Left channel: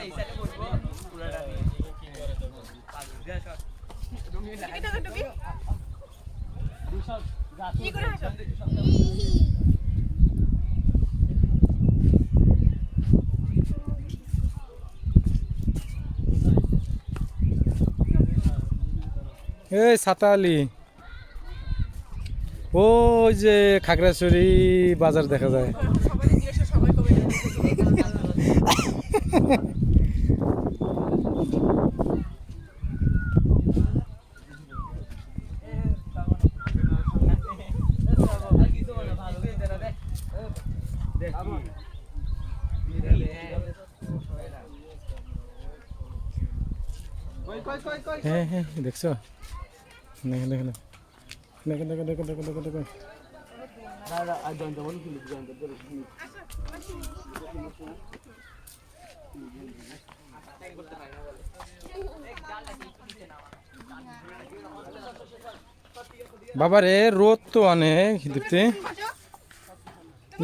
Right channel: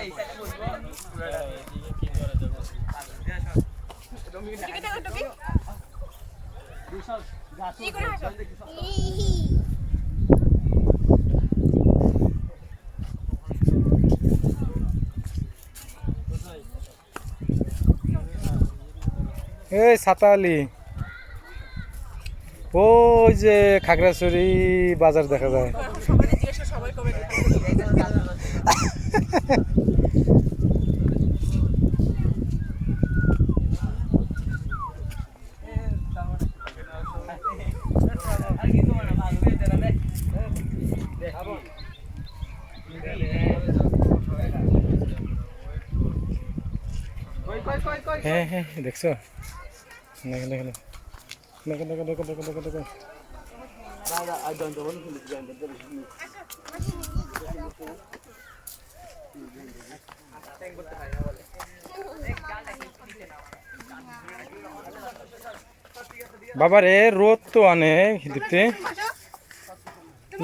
এই সাতালি ওই যে খাগড়াছড়ি বাজার দেখা যায়। হ্যাঁ হ্যাঁ দেখছো, দেখো দেখো দেখো দেখো দেখো দেখো দেখো দেখো বাবা রে, রোদ তো অনেক দিতে,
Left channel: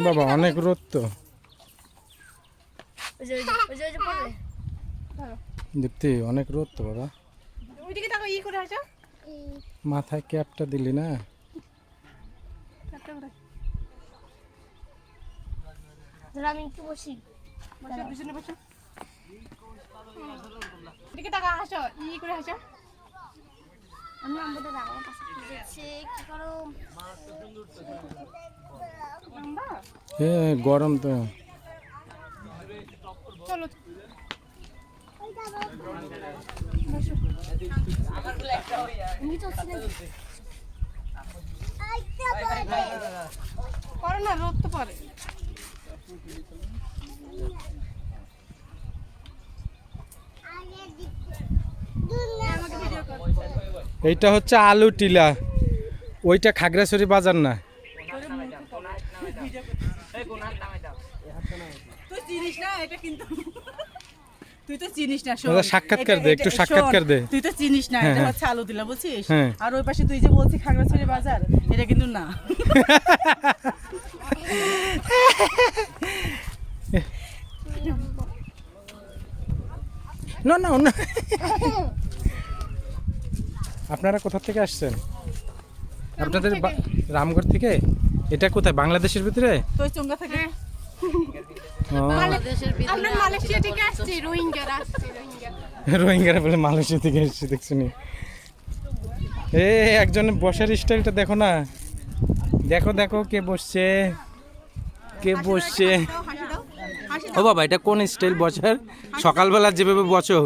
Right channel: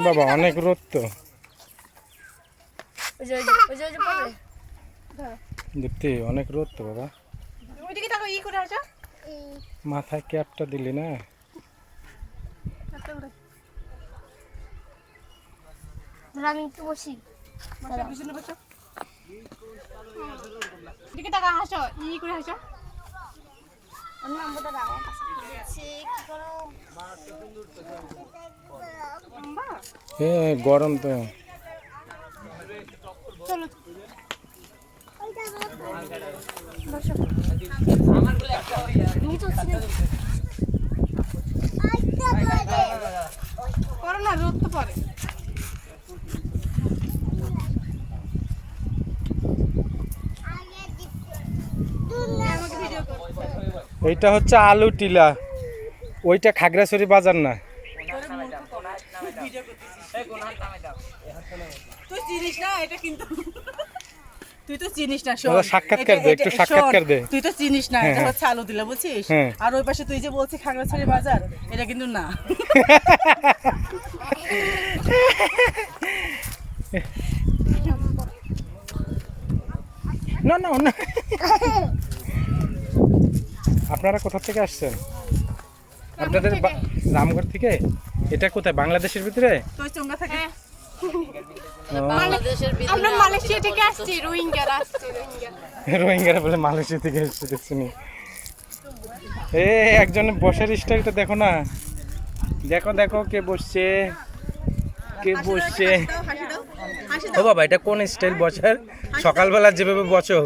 বাবা অনেক রোদ তো দীপ্তি, অনেক রোদ তো বাবা। মাথায় ক্যাপটা দিলি না? আমি একটু বসি। গরম তো। রোদ তো পরে এইটা হচ্ছে আলু টিলা, ওইটা খাগড়াছড়ি বাজার না। তুই চিনিস না এটা, কিন্তু তুই তো চিনিস না। সাক্ষাৎকার দে, একটু সাক্ষাৎকার দে। তুই তো চিনিস না, এটা হচ্ছে আলু দিলা, বুঝছিস? আর ওই পাশে তুই যে বলছিস খাগড়াছড়ি বাজার, এটা কিন্তু না। না না না। আপনারা কোথা থেকে আসছেন? আপনাদের রামগড় থেকে? এটা কোথায়, বাংলাদেশের ভিতরে? তুই চুঙ্গা থেকে? আমরা মালয়েশিয়া থেকে আসছি, রোহিঙ্গারা বলে মালয়েশিয়া থেকে এসেছে, দেখছেন? একজনের বসার স্টাইলটা দেখো না, দেখো দেখো কে বসছে, কে বসছে। ও বাবা, এটা কোন স্টাইল বসার? সকালবেলা যেভাবে বসো।